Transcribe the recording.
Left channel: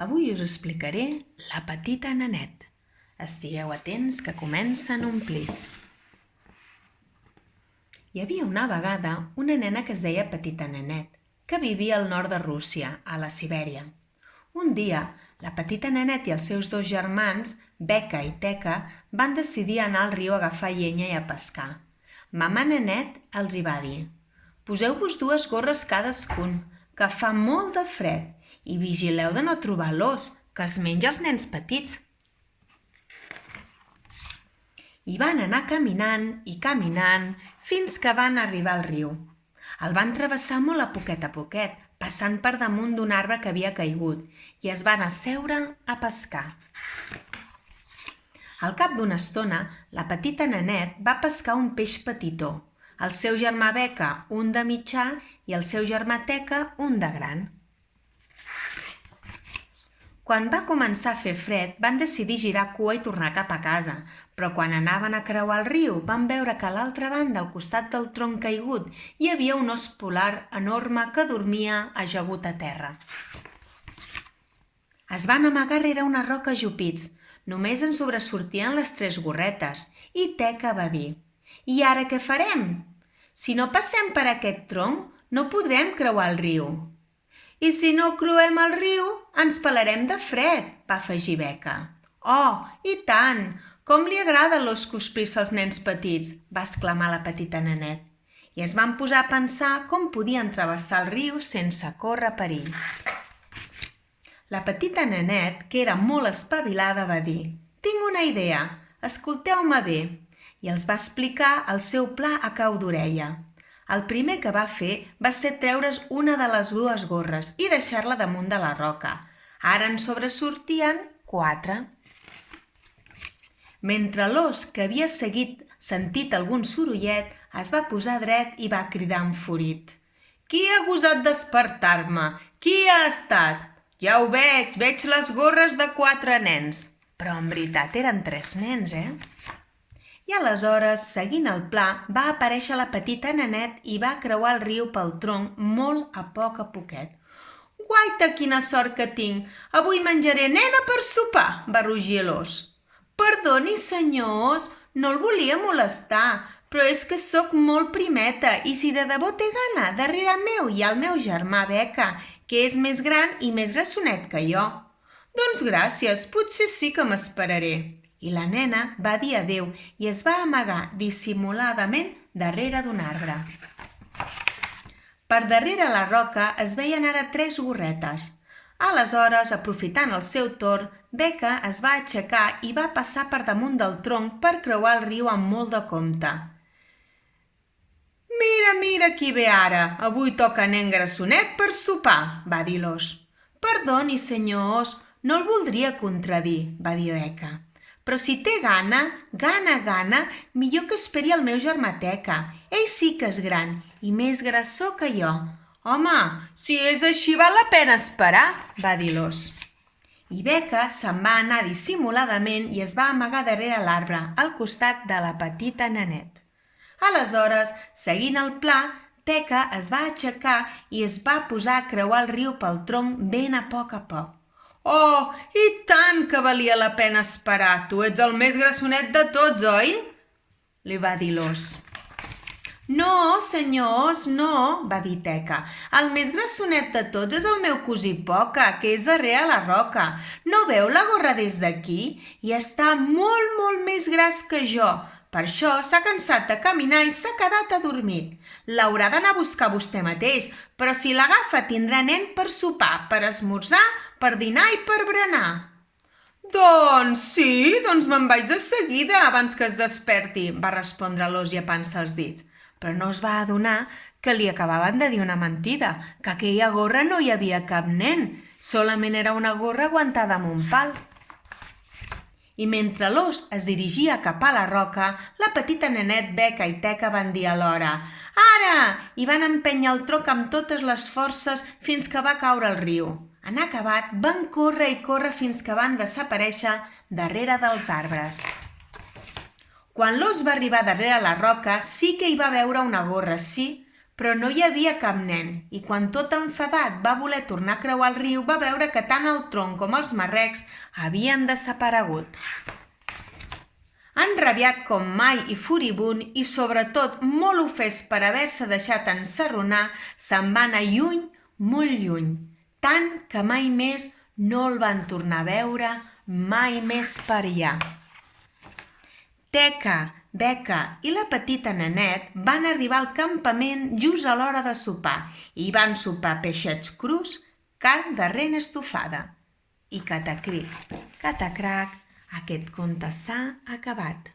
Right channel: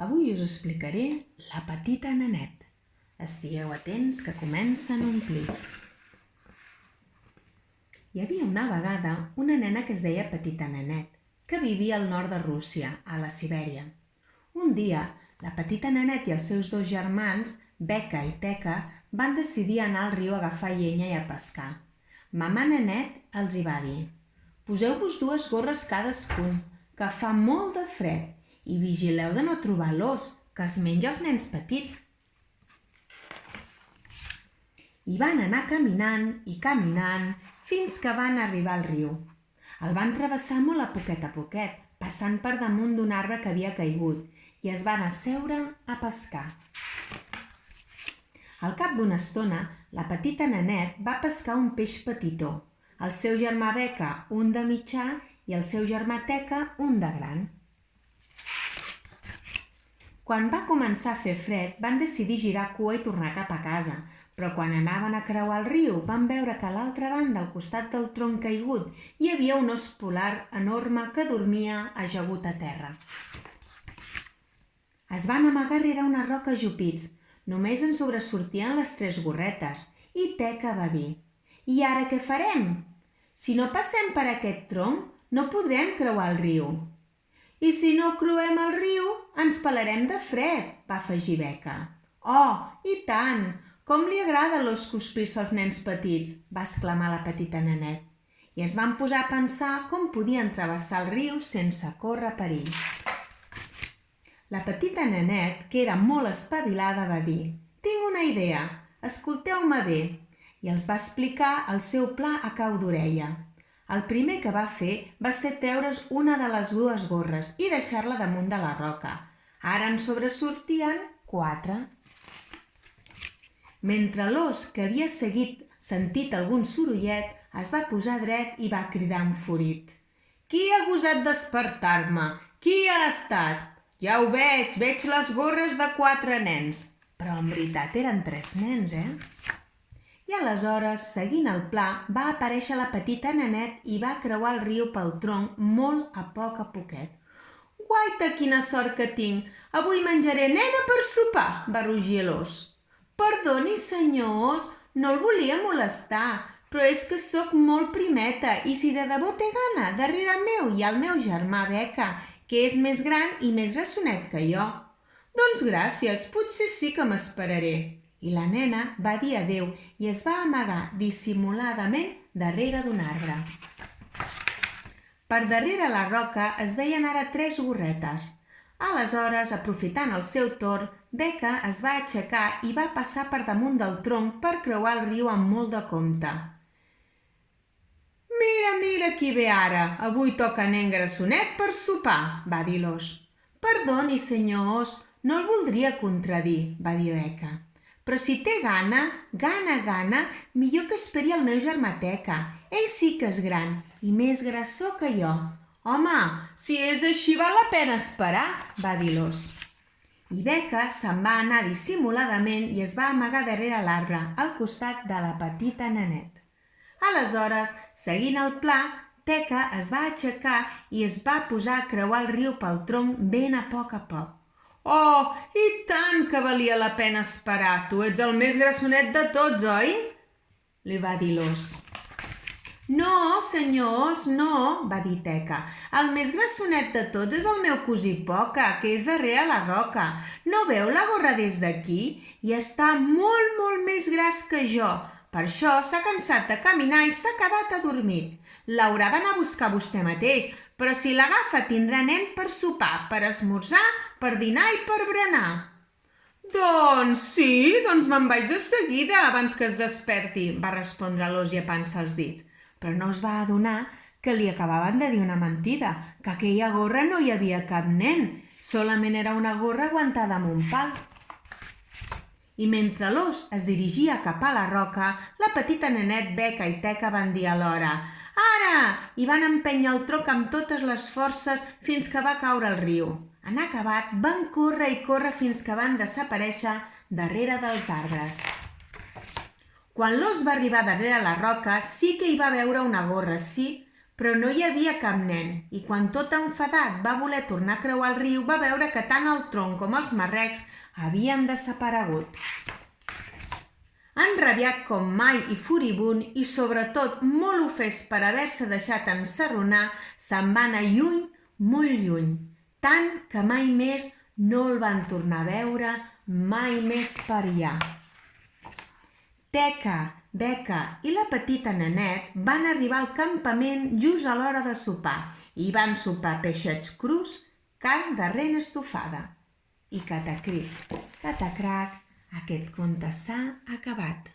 Avui us explicaré La petita Nenet. Estigueu atents que comença en un plis. Hi havia una vegada una nena que es deia Petita Nenet, que vivia al nord de Rússia, a la Sibèria. Un dia, la Petita Nenet i els seus dos germans, Beca i Teca, van decidir anar al riu a agafar llenya i a pescar. Mamà Nenet els hi va dir: «Poseu-vos 2 gorres cadascun, que fa molt de fred, i vigileu de no trobar l'ós, que es menja els nens petits». I van anar caminant i caminant fins que van arribar al riu. El van travessar molt a poquet, passant per damunt d'un arbre que havia caigut, i es van asseure a pescar. Al cap d'una estona, la Petita Nenet va pescar un peix petitó, el seu germà Beca un de mitjà i el seu germà Teca un de gran. Quan va començar a fer fred, van decidir girar cua i tornar cap a casa, però quan anaven a creuar el riu van veure que a l'altra banda, al costat del tronc caigut, hi havia un ós polar enorme que dormia ajagut a terra. Es van amagar rere una roca ajupits. Només en sobresortien les 3 gorretes, i Teca va dir: «I ara què farem? Si no passem per aquest tronc, no podrem creuar el riu». «I si no creuem el riu, ens pelarem de fred», va afegir Beca. «Oh, i tant! Com li agrada l'os cruspir-se als nens petits», va exclamar la Petita Nenet. I es van posar a pensar com podien travessar el riu sense córrer perill. La Petita Nenet, que era molt espavilada, va dir: «Tinc una idea, escolteu-me bé», i els va explicar el seu pla a cau d'orella. El primer que va fer va ser treure's una de les 2 gorres i deixar-la damunt de la roca. Ara en sobresortien 4. Mentre l'ós, que havia sentit algun sorollet, es va posar dret i va cridar enfurit: «Qui ha gosat despertar-me? Qui ha estat? Ja ho veig les gorres de 4 nens». Però en veritat eren 3 nens, I aleshores, seguint el pla, va aparèixer la Petita Nenet i va creuar el riu pel tronc molt a poquet. «Guaita, quina sort que tinc! Avui menjaré nena per sopar!», va rugir l'ós. «Perdoni, senyors, no el volia molestar, però és que sóc molt primeta i si de debò té gana, darrere meu hi ha el meu germà Beca, que és més gran i més grassonet que jo». «Doncs gràcies, potser sí que m'esperaré». I la nena va dir adéu i es va amagar dissimuladament darrere d'un arbre. Per darrere la roca es veien ara 3 gorretes. Aleshores, aprofitant el seu torn, Beca es va aixecar i va passar per damunt del tronc per creuar el riu amb molt de compte. «Mira qui ve ara! Avui toca nen grassonet per sopar», va dir l'ós. «Perdoni, senyor ós, no el voldria contradir», va dir Beca. «Però si té gana, millor que esperi el meu germà Teca. Ell sí que és gran i més grassó que jo». «Home, si és així val la pena esperar», va dir l'ós. I Beca se'n va anar dissimuladament i es va amagar darrere l'arbre, al costat de la Petita Nenet. Aleshores, seguint el pla, Teca es va aixecar i es va posar a creuar el riu pel tronc ben a poc. «Oh, i tant que valia la pena esperar! Tu ets el més grassonet de tots, oi?», li va dir l'ós. «No, senyor ós, no», va dir Teca. «El més grassonet de tots és el meu cosí Poca, que és darrere la roca. No veu la gorra des d'aquí? I està molt més gras que jo. Per això s'ha cansat de caminar i s'ha quedat adormit. L'haurà d'anar a buscar vostè mateix, però si l'agafa tindrà nen per sopar, per esmorzar, per dinar i per berenar». «Doncs sí, me'n vaig de seguida abans que es desperti», va respondre l'ós llepant-se els dits. Però no es va adonar que li acabaven de dir una mentida, que aquella gorra no hi havia cap nen, solament era una gorra aguantada amb un pal. I mentre l'ós es dirigia cap a la roca, la Petita Nenet, Beca i Teca van dir alhora: «Ara!», i van empènyer el tronc amb totes les forces fins que va caure al riu. En acabat, van córrer fins que van desaparèixer darrere dels arbres. Quan l'ós va arribar darrere la roca, sí que hi va veure una gorra, sí, però no hi havia cap nen i quan tot enfadat va voler tornar a creuar el riu va veure que tant el tronc com els marrecs havien desaparegut. Enrabiat com mai i furibund i sobretot molt ofès per haver-se deixat ensarronar, se'n va anar lluny, molt lluny, tant que mai més no el van tornar a veure mai més per allà. Teca, Beca i la petita Nenet van arribar al campament just a l'hora de sopar i van sopar peixets crus, carn de rena estofada. I catacric, catacrac, aquest conte s'ha acabat.